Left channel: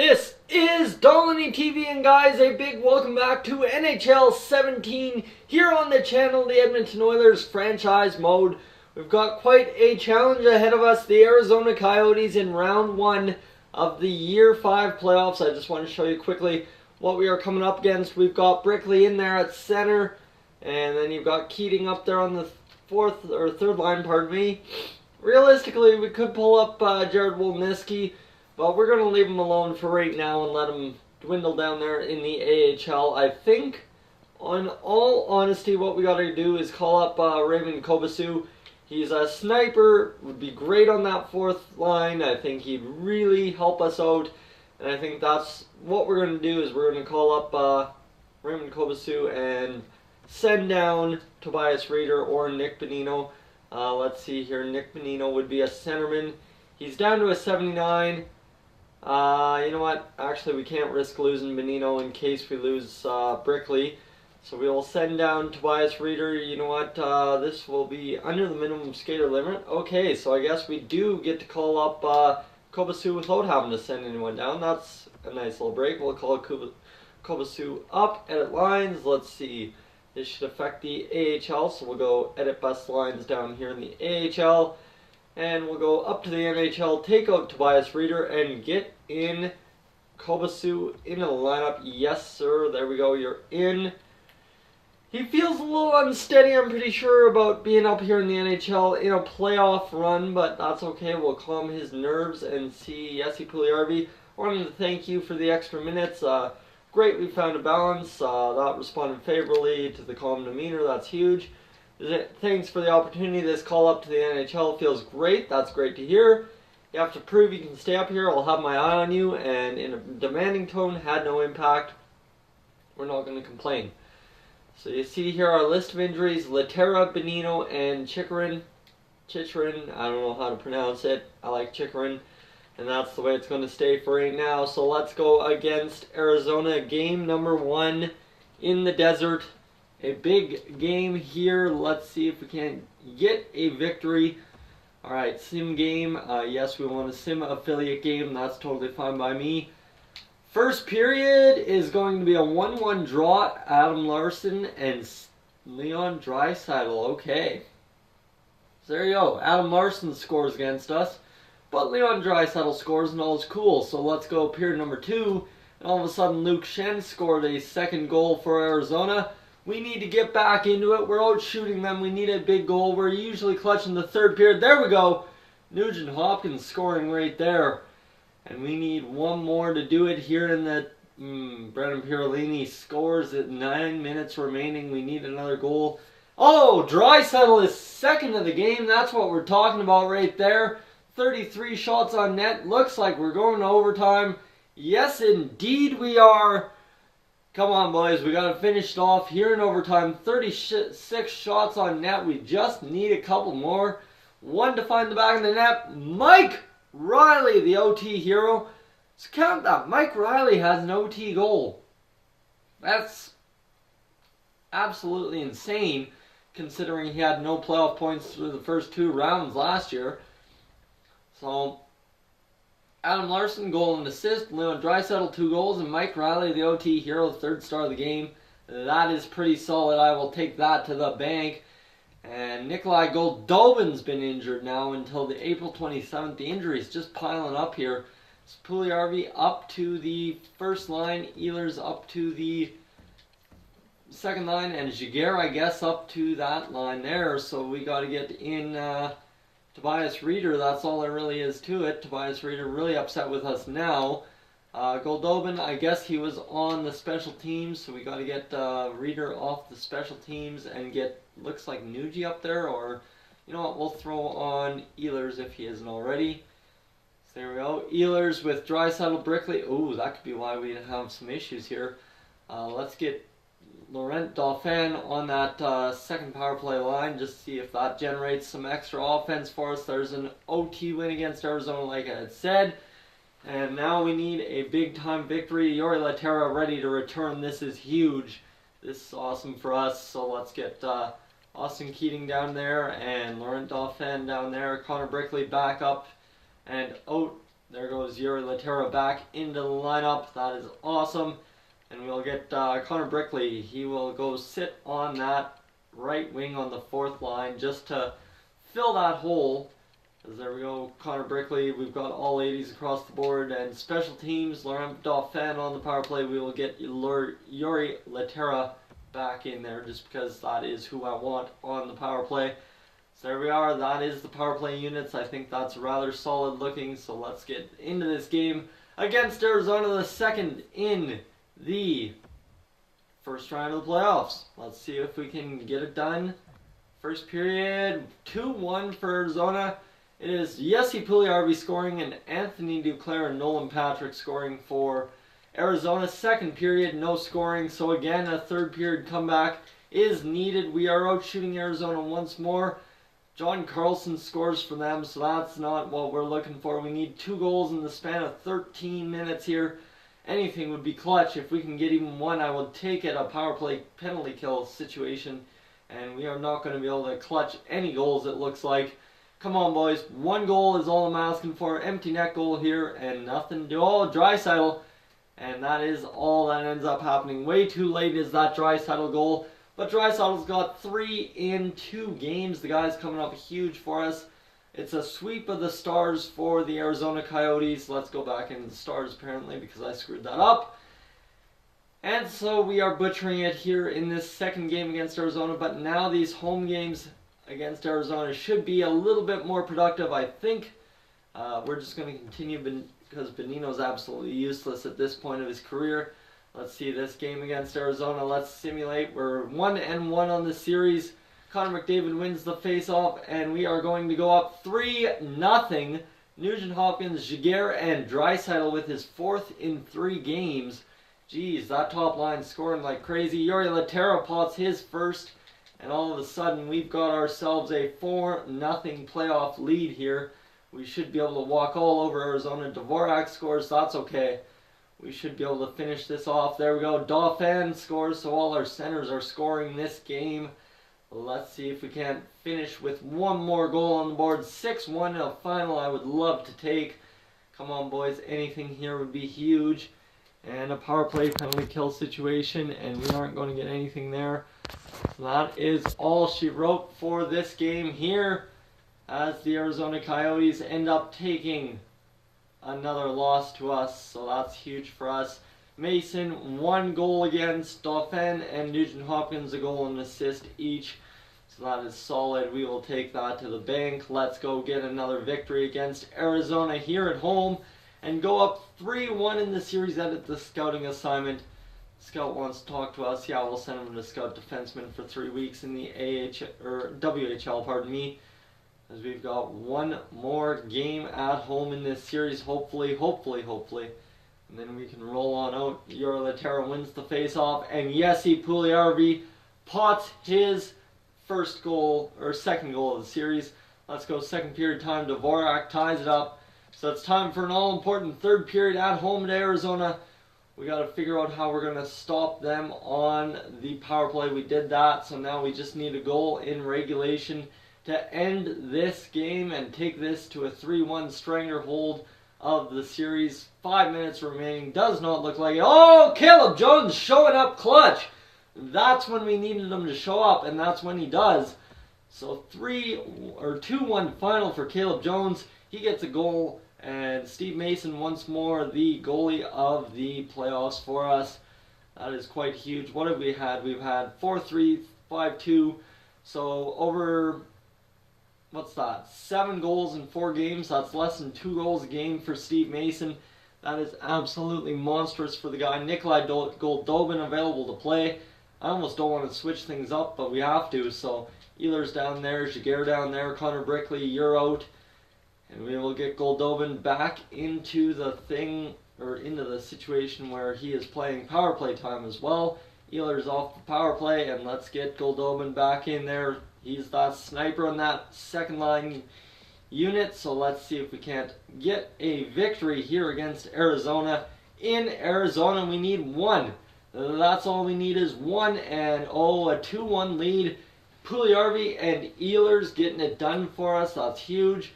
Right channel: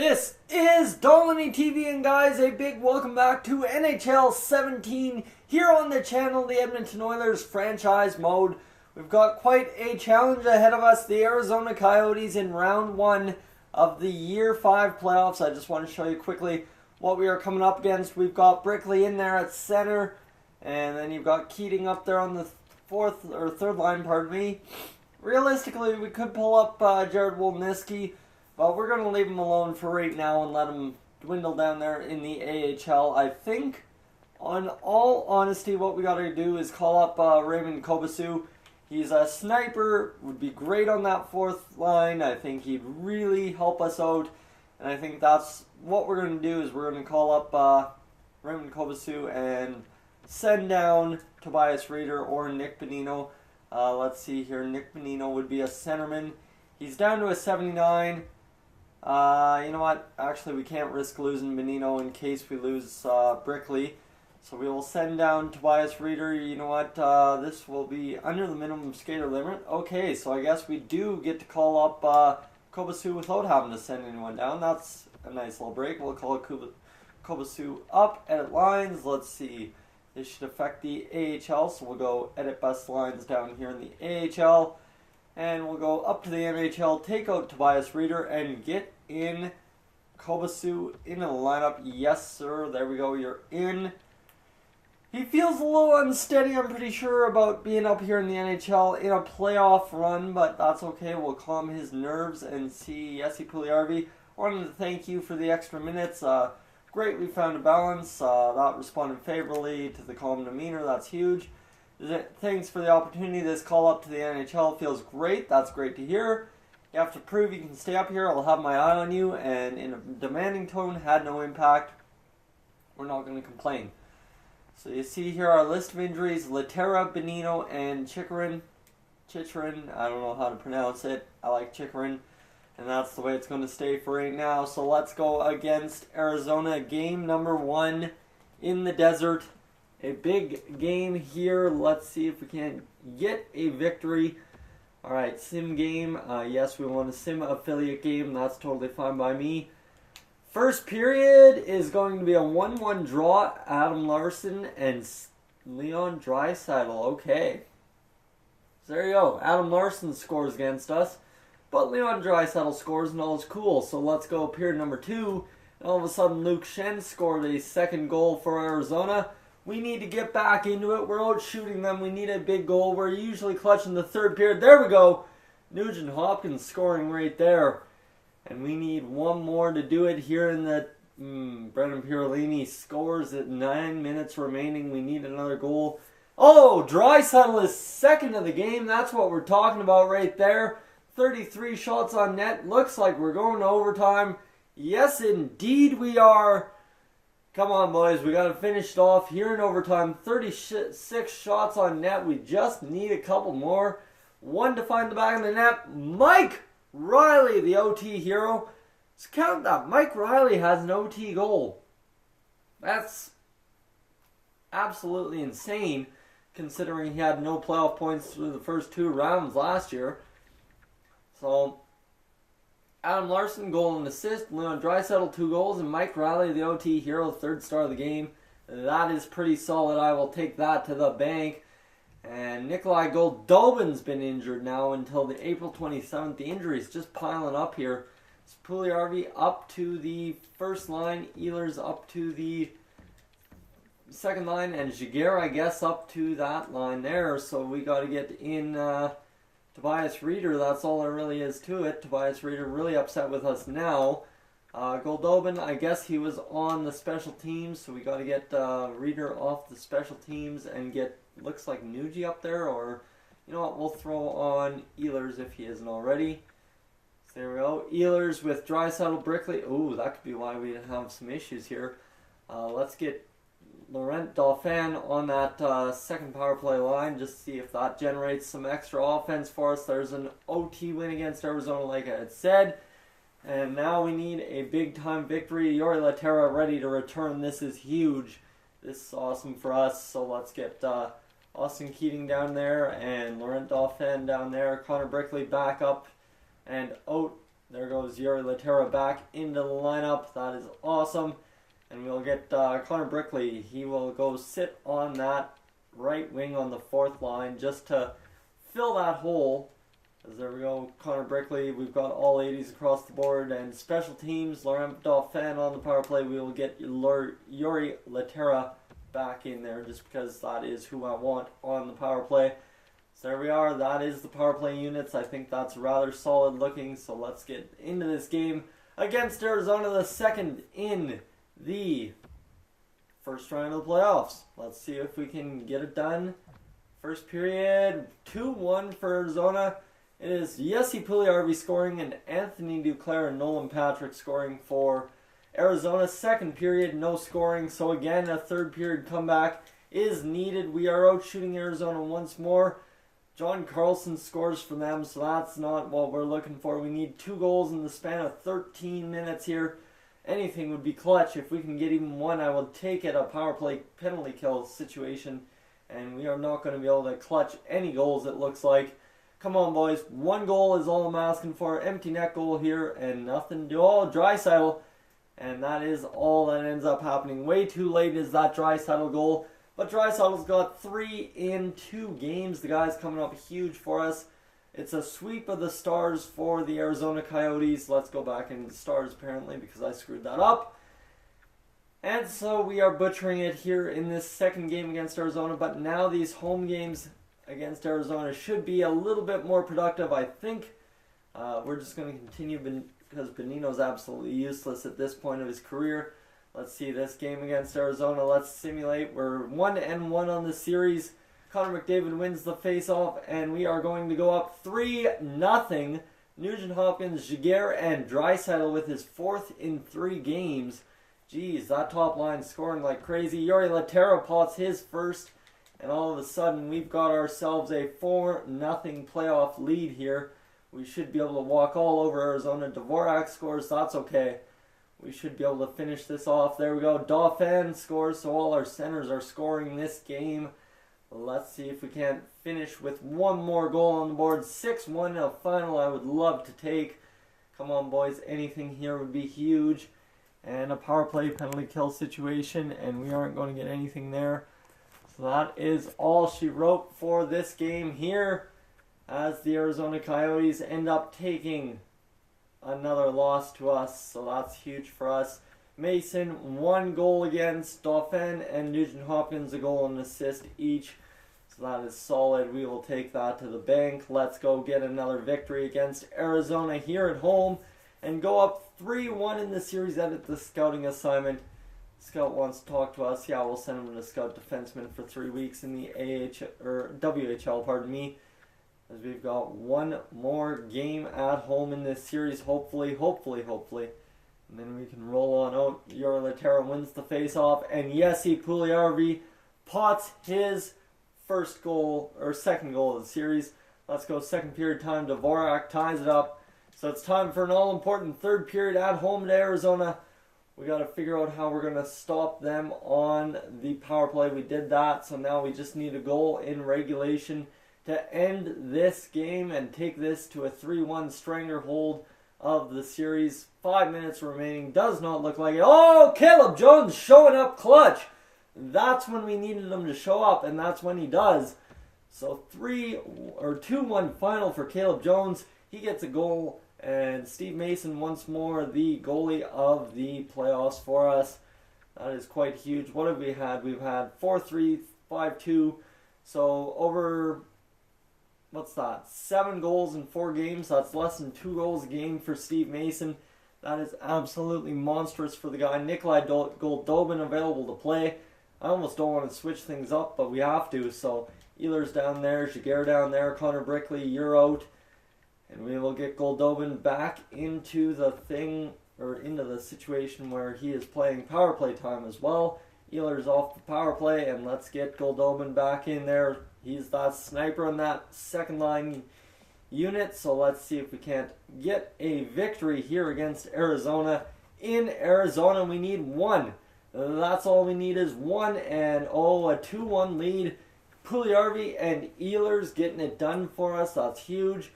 This is Dolany TV, and guys, a big welcome back to NHL 17 here on the channel, the Edmonton Oilers franchise mode. We've got quite a challenge ahead of us, the Arizona Coyotes in round 1 of the Year 5 playoffs. I just want to show you quickly what we are coming up against. We've got Brickley in there at center, and then you've got Keating up there on the third line, pardon me. Realistically, we could pull up Jared Wolniski, but we're going to leave him alone for right now and let him dwindle down there in the AHL. I think, on all honesty, what we got to do is call up Raymond Kobasu. He's a sniper, would be great on that fourth line. I think he'd really help us out, and I think that's what we're going to do is we're going to call up Raymond Kobasu and send down Tobias Reeder or Nick Bonino. Let's see here. Nick Bonino would be a centerman. He's down to a 79. You know what? Actually, we can't risk losing Bonino in case we lose Brickley. So we will send down Tobias Reeder. You know what? This will be under the minimum skater limit. Okay, so I guess we do get to call up Kobasu without having to send anyone down. That's a nice little break. We'll call Kobasu up, edit lines. Let's see. This should affect the AHL, so we'll go edit best lines down here in the AHL. And we'll go up to the NHL, take out Tobias Reeder, and get in Kobasu into the lineup. Yes, sir. There we go. You're in. He feels a little unsteady, I'm pretty sure, about being up here in the NHL in a playoff run, but that's okay. We'll calm his nerves and see Jesse Puljujärvi. Wanted to thank you for the extra minutes. Great, we found a balance. That responded favorably to the calm demeanor. That's huge. Thanks for the opportunity. This call up to the NHL feels great. That's great to hear. You have to prove you can stay up here. I'll have my eye on you. And in a demanding tone, had no impact. We're not going to complain. So you see here our list of injuries. Laterra, Bonino, and Chychrun. I don't know how to pronounce it. I like Chychrun. And that's the way it's going to stay for right now. So let's go against Arizona. Game number 1 in the desert. A big game here. Let's see if we can get a victory. Alright, sim game. Yes, we want a sim affiliate game. That's totally fine by me. First period is going to be a 1-1 draw. Adam Larsson and Leon Draisaitl. Okay. So there you go. Adam Larsson scores against us. But Leon Draisaitl scores and all is cool. So let's go period number 2. And all of a sudden Luke Schenn scored a second goal for Arizona. We need to get back into it. We're out shooting them. We need a big goal. We're usually clutching the third period. There we go. Nugent Hopkins scoring right there. And we need one more to do it here in the... Brendan Pirolini scores at 9 minutes remaining. We need another goal. Oh, Draisaitl is second of the game. That's what we're talking about right there. 33 shots on net. Looks like we're going to overtime. Yes, indeed we are. Come on, boys. We got to finish it off here in overtime. 36 shots on net. We just need a couple more. One to find the back of the net. Mike Riley, the OT hero. Let's count that. Mike Riley has an OT goal. That's absolutely insane, considering he had no playoff points through the first 2 rounds last year. So, Adam Larsson, goal and assist. Leon Draisaitl, 2 goals. And Mike Riley, the OT hero, 3rd star of the game. That is pretty solid. I will take that to the bank. And Nikolai Goldobin's been injured now until the April 27th. The injuries just piling up here. Puljujärvi up to the first line. Ehlers up to the second line. And Jaguar, I guess, up to that line there. So we got to get in... Tobias Reeder, that's all there really is to it. Tobias Reeder really upset with us now. Goldobin, I guess he was on the special teams, so we got to get Reeder off the special teams and get, looks like Nuji up there, or, you know what, we'll throw on Ehlers if he isn't already. So there we go. Ehlers with Draisaitl, Brickley. Ooh, that could be why we have some issues here. Let's get Laurent Dauphin on that second power play line, just to see if that generates some extra offense for us. There's an OT win against Arizona, like I had said. And now we need a big-time victory. Jori Laterra ready to return. This is huge. This is awesome for us. So let's get Austin Keating down there and Laurent Dauphin down there. Connor Brickley back up and out There goes Yuri Laterra back into the lineup. That is awesome. And we'll get Connor Brickley. He will go sit on that right wing on the fourth line just to fill that hole. As there we go, Connor Brickley. We've got all 80s across the board. And special teams, Laurent Dauphin on the power play. We will get Yuri Laterra back in there just because that is who I want on the power play. So there we are. That is the power play units. I think that's rather solid looking. So let's get into this game against Arizona, the second in the first round of the playoffs. Let's see if we can get it done. First period, 2-1 for Arizona. It is Jesse Puljujarvi scoring and Anthony Duclair and Nolan Patrick scoring for Arizona. Second period, no scoring. So again, a third period comeback is needed. We are out shooting Arizona once more. John Carlson scores for them, so that's not what we're looking for. We need 2 goals in the span of 13 minutes here. Anything would be clutch. If we can get even one, I will take it. A power play penalty kill situation. And we are not going to be able to clutch any goals, it looks like. Come on, boys. 1 goal is all I'm asking for. Empty net goal here and nothing to do. Oh, Draisaitl. And that is all that ends up happening. Way too late is that Draisaitl goal. But Draisaitl's got 3 in 2 games. The guy's coming up huge for us. It's a sweep of the Stars for the Arizona Coyotes. Let's go back into the Stars apparently because I screwed that up. And so we are butchering it here in this second game against Arizona. But now these home games against Arizona should be a little bit more productive, I think. We're just going to continue because Bonino's absolutely useless at this point of his career. Let's see this game against Arizona. Let's simulate. We're 1-1 on the series. Connor McDavid wins the face-off, and we are going to go up 3-0. Nugent Hopkins, Giguere, and Draisaitl with his 4th in 3 games. Jeez, that top line scoring like crazy. Yuri Laterra pots his first, and all of a sudden we've got ourselves a 4-0 playoff lead here. We should be able to walk all over Arizona. Dvorak scores, that's okay. We should be able to finish this off. There we go. Dauphin scores, so all our centers are scoring this game. Let's see if we can't finish with 1 more goal on the board. 6-1 a final I would love to take. Come on, boys. Anything here would be huge. And a power play penalty kill situation, and we aren't going to get anything there. So that is all she wrote for this game here, as the Arizona Coyotes end up taking another loss to us, so that's huge for us. Mason, 1 goal against Dauphin, and Nugent Hopkins a goal and assist each. So that is solid. We will take that to the bank. Let's go get another victory against Arizona here at home and go up 3-1 in the series. Edit the scouting assignment. Scout wants to talk to us. Yeah, we'll send him to scout defenseman for 3 weeks in the WHL, pardon me. As we've got 1 more game at home in this series, hopefully. And then we can roll on out. Yuri Laterra wins the face-off, and Jesse Puljujarvi pots his second goal of the series. Let's go second period time. Dvorak ties it up. So it's time for an all-important third period at home to Arizona. We got to figure out how we're going to stop them on the power play. We did that, so now we just need a goal in regulation to end this game and take this to a 3-1 stranglehold of the series. 5 minutes remaining. Does not look like it. Oh, Caleb Jones showing up clutch. That's when we needed him to show up, and that's when he does. So 2-1 final for Caleb Jones. He gets a goal, and Steve Mason once more the goalie of the playoffs for us. That is quite huge. What have we had? We've had 4-3, 5-2. So over, what's that? 7 goals in 4 games. That's less than 2 goals a game for Steve Mason. That is absolutely monstrous for the guy. Nikolai Goldobin available to play. I almost don't want to switch things up, but we have to. So Ehlers down there, Giguere down there, Connor Brickley, you're out. And we will get Goldobin back into the into the situation where he is playing power play time as well. Ehlers off the power play, and let's get Goldobin back in there. He's that sniper on that second line unit, so let's see if we can't get a victory here against Arizona. In Arizona, we need 1. That's all we need is 1, and a 2-1 lead. Puljujarvi and Ehlers getting it done for us. That's huge.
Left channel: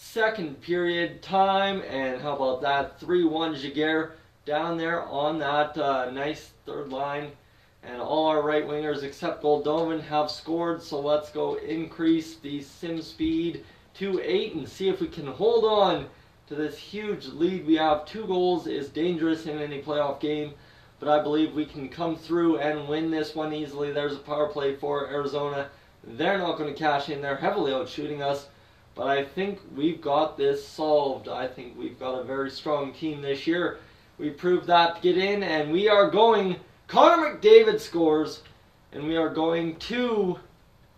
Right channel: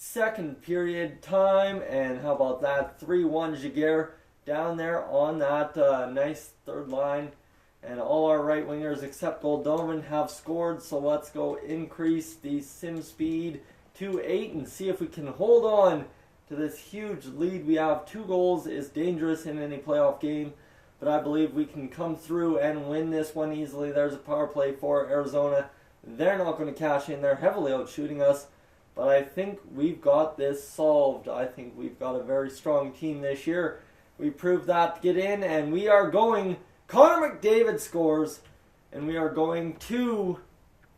second period time. And how about that? 3-1 Jaguar down there on that nice third line. And all our right wingers except Goldobin have scored. So let's go increase the sim speed to 8 and see if we can hold on to this huge lead we have. 2 goals is dangerous in any playoff game, but I believe we can come through and win this one easily. There's a power play for Arizona. They're not going to cash in. They're heavily out shooting us, but I think we've got this solved. I think we've got a very strong team this year. We proved that to get in, and we are going. Connor McDavid scores, and we are going to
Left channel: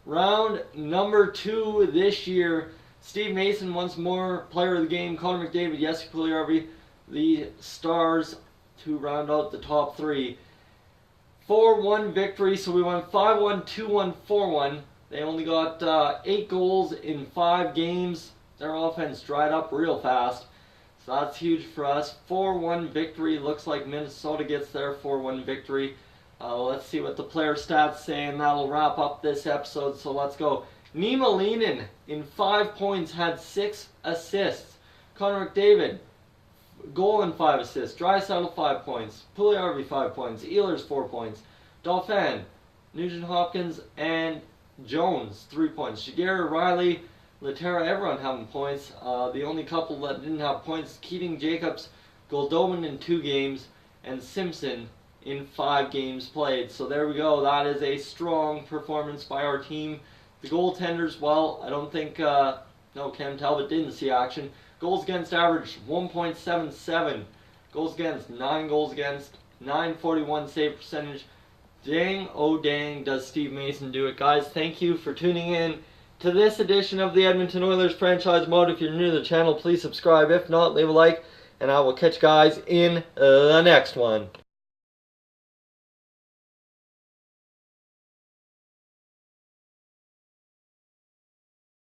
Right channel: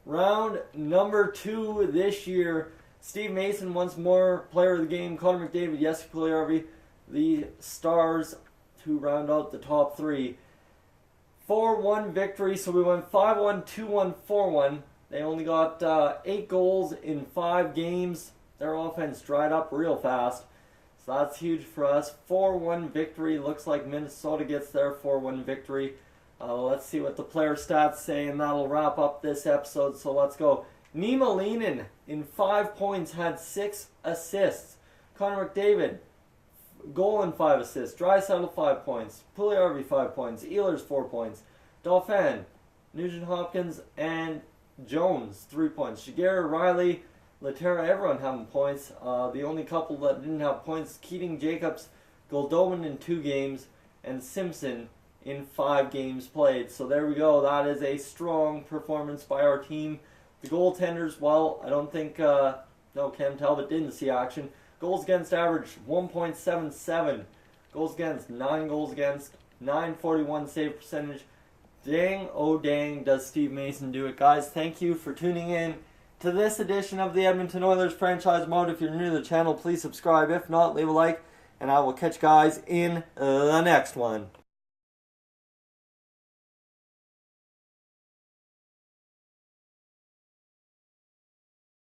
round number 2 this year. Steve Mason once more player of the game. Connor McDavid, Jesse Puljujärvi, the stars to round out the top 3. 4-1 victory, so we won 5-1, 2-1, 4-1. They only got 8 goals in 5 games. Their offense dried up real fast, so that's huge for us. 4-1 victory. Looks like Minnesota gets their 4-1 victory. Let's see what the player stats say, and that'll wrap up this episode, so let's go. Nima Leinen in 5 points had 6 assists. Connor McDavid, goal and 5 assists. Draisaitl 5 points. Puljujärvi 5 points. Ehlers 4 points. Dauphin, Nugent Hopkins, and Jones 3 points. Jaguar, Riley, Laterra, everyone having points. The only couple that didn't have points, Keating, Jacobs, Goldobin in 2 games, and Simpson in 5 games played. So there we go. That is a strong performance by our team. The goaltenders, well, I don't think, no, Cam Talbot didn't see action. Goals against average, 1.77. Goals against, 9 goals against, 941 save percentage. Dang, oh dang, does Steve Mason do it. Guys, thank you for tuning in to this edition of the Edmonton Oilers Franchise Mode. If you're new to the channel, please subscribe. If not, leave a like, and I will catch you guys in the next one.